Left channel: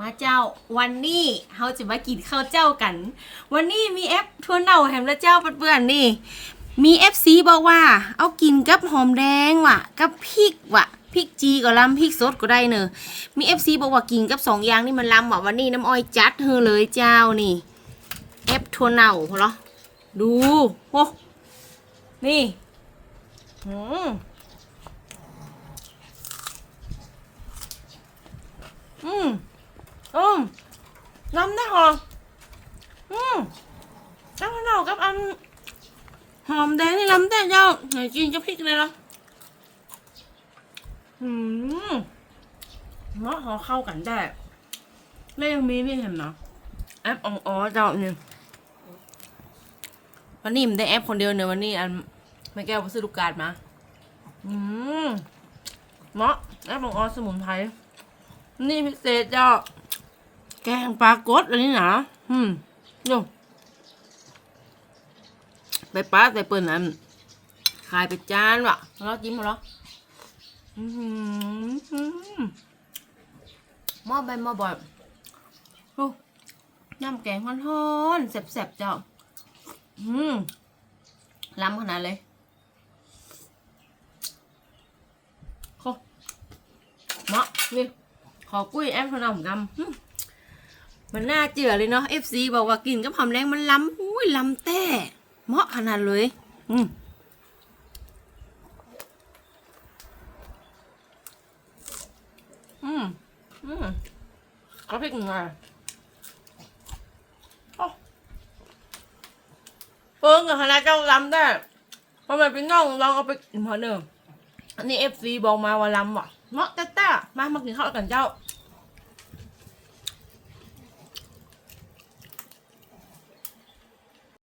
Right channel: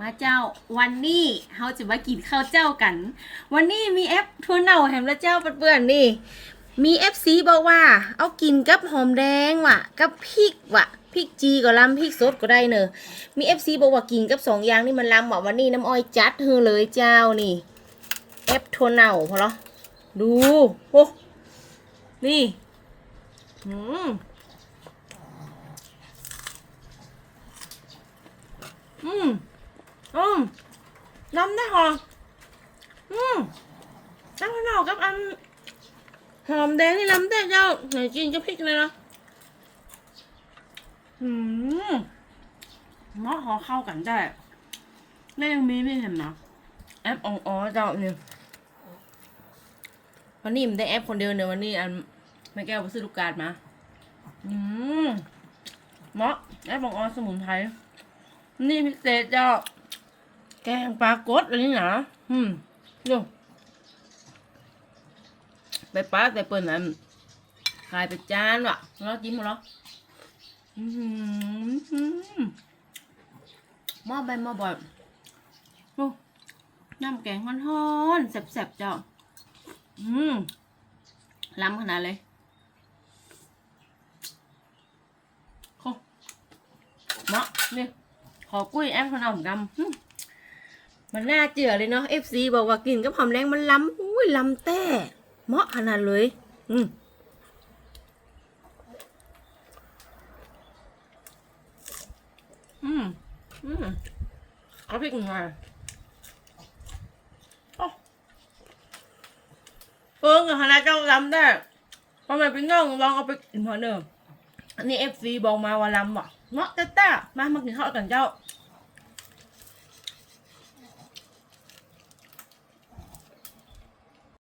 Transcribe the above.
มาเจ้าวันนี้เราจะมากินข้าวเจ้ากัน วันนี้มีแอปทัวเน่าแฮมและเจ้าเปื่อนๆนี่ มีเอฟซีบอกว่า เอากินกับหอมแดงว่ะ กับพริกว่ะพริกจีก็ล้ำพริกสดก็ได้เนอะมีเอฟซีบอกว่ากินกับสองอย่างนี่มันล้ำว่ะวันนี้น้ำอ้อยจัดเธอเลยเจ้านี่เอฟทัวเน่าพอเหรอดูโอ้นี่อืมอืม อืมน้ำได้หอมอืมน้ำขนมกับอันหอมแดงนี่น้ำได้เจ้าไหนกินกับพริกเลยเหรออืมเนาะหอเข้ากันได้ แล้วยังมีไม่เห็นนะแอปองอ๋อเจ้านี่วันนี้มันได้แอปคนเดียวเนี่ยวันนี้อันไม่แก้วไปซื้อลูกกาดมา อืมเนาะแอปอองอ๋อสมุนไพรนี่พิเศษเจ้า แกงปลากดอันนี้นะอืมดูไปป้าใส่เปิ่นอันขายไปจานว่ะแล้วจิ้มมาแล้วอืมหม้อใบหม้อบ่อยดูน้ำแกงฮ้อนๆแซ่บๆเจ้า อืมล้ำขนาดเลยโหเนาะนี่ขอกุ้ยแอมขนมกำหึ มันน่าเจือเลยเนาะ FC บอกว่ากินกับหอมแรงมันล้ำอุ้ยล้ำแต่เหมาะขนาดเลย อืมอืมอืมก็พริกหน่อยโอ้เพิ่งกับคณะเจ้าล้ำได้ทำไมเป็นน้องลองเอาไปกินพอเดิมอันนี้ FC บอกมาว่าล้ำว่ะเนาะแต่แต่มามากินข้าวกันเจ้า